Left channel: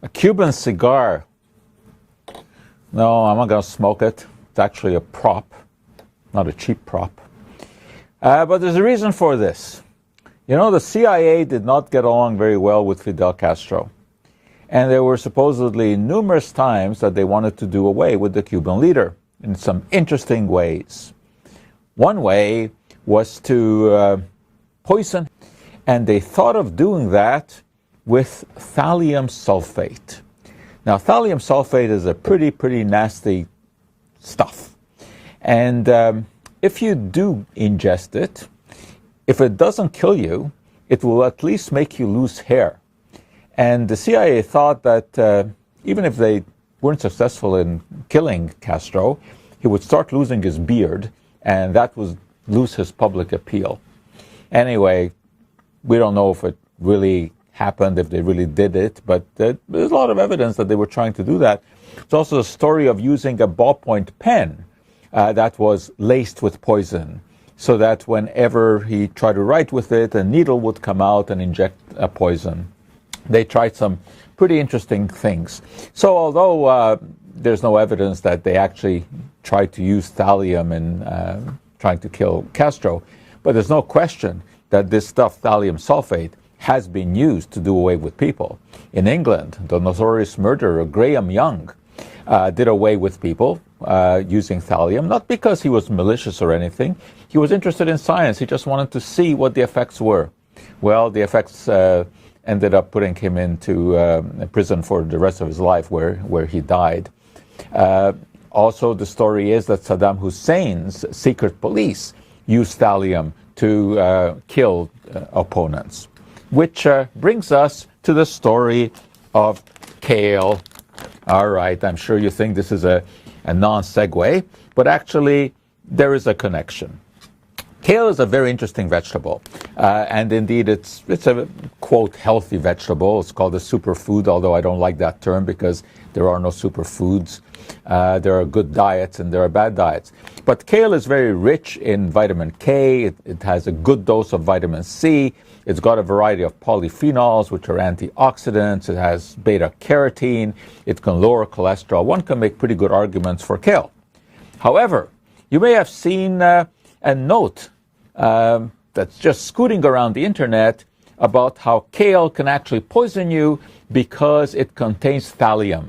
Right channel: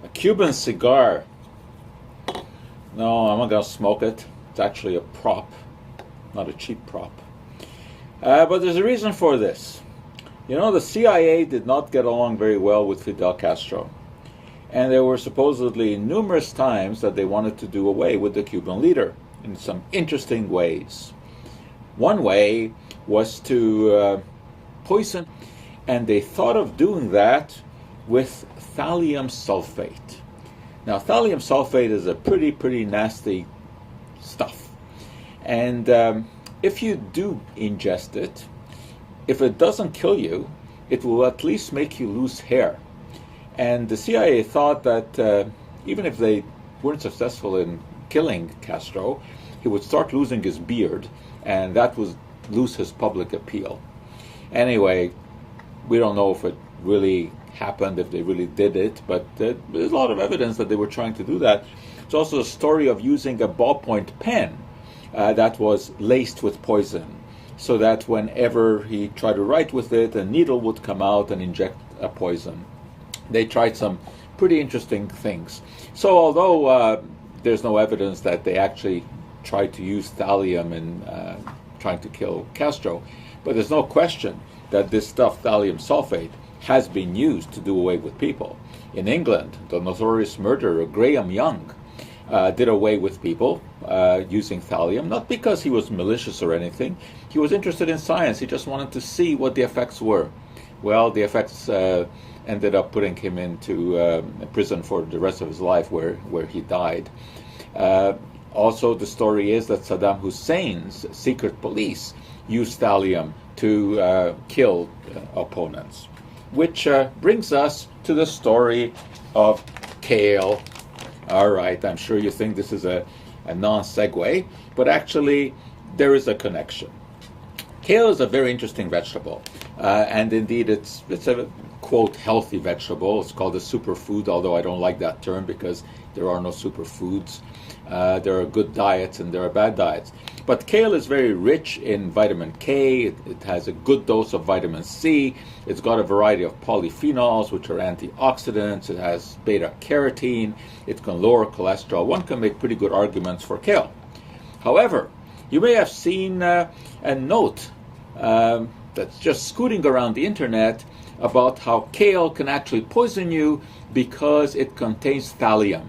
A Cuban cigar. No, I'm not going to smoke it. It's actually a prop, not a cheap prop. But there's a reason for this. You know, the CIA did not get along very well with Fidel Castro. And there were supposedly numerous times that they wanted to do away with the Cuban leader in some interesting ways. One way was to poison, and they thought of doing that with thallium sulphate. Now, thallium sulphate is a pretty nasty stuff. And if you do ingest it, if it doesn't kill you, it will at least make you lose hair. And the CIA thought that even if they weren't successful in killing Castro, he would start losing his beard, and that would lose his public appeal. Anyway, we don't know if it really happened, if they really did it, but there's a lot of evidence that they were trying to do that. There's also a story of using a ballpoint pen that was laced with poison, so that whenever he tried to write with it, a needle would come out and inject a poison. They tried some pretty interesting things. So although there's no evidence that they actually tried to use thallium in trying to kill Castro, but there's no question that this stuff, thallium sulphate, has been used to do away with people. In England, the notorious murderer Graham Young did away with people using thallium, not because he was malicious or anything. He was interested in science. He just wanted to see what the effects were. Well, the effects ended up putting him into prison for the rest of his life, where he died. Also, the story is that Saddam Hussein's secret police used thallium to kill opponents. Which brings us to the story of Kale. All right, I'm sure you think this is a non-segue, but actually there is a connection. Kale is a very interesting vegetable, and indeed it's a, quote, healthy vegetable. It's called a superfood, although I don't like that term because there are no superfoods. There are good diets and there are bad diets. But kale is very rich in vitamin K. It has a good dose of vitamin C. It's got a variety of polyphenols, which are antioxidants. It has beta-carotene. It can lower cholesterol. One can make pretty good arguments for kale. However, you may have seen a note that's just scooting around the internet about how kale can actually poison you because it contains thallium.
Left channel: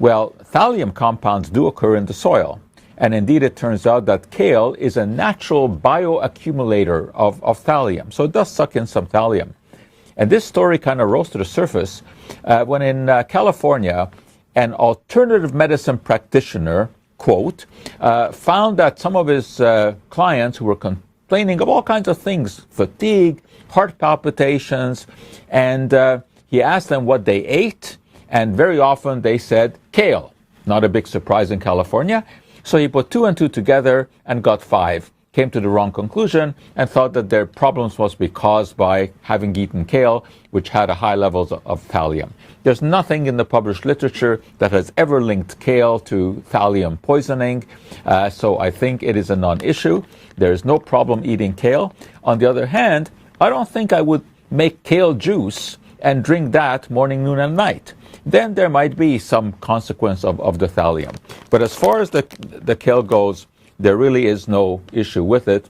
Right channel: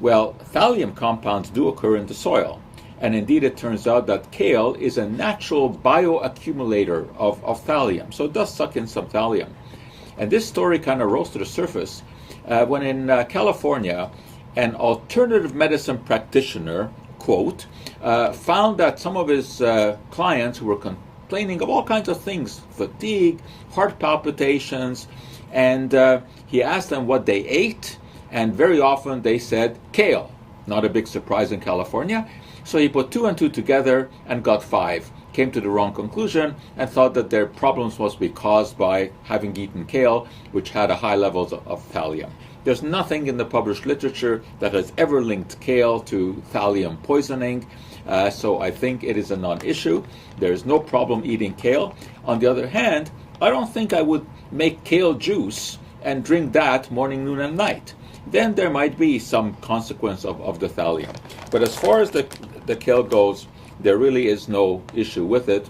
Well, thallium compounds do occur in the soil. And indeed, it turns out that kale is a natural bioaccumulator of thallium. So it does suck in some thallium. And this story kind of rose to the surface when in California, an alternative medicine practitioner, quote, found that some of his clients who were complaining of all kinds of things, fatigue, heart palpitations, and he asked them what they ate, and very often they said kale. Not a big surprise in California. So he put 2 and 2 together and got 5, came to the wrong conclusion, and thought that their problems must be caused by having eaten kale, which had a high levels of thallium. There's nothing in the published literature that has ever linked kale to thallium poisoning, so I think it is a non-issue. There's no problem eating kale. On the other hand, I don't think I would make kale juice and drink that morning, noon, and night. Then there might be some consequence of the thallium. But as far as the kale goes, there really is no issue with it.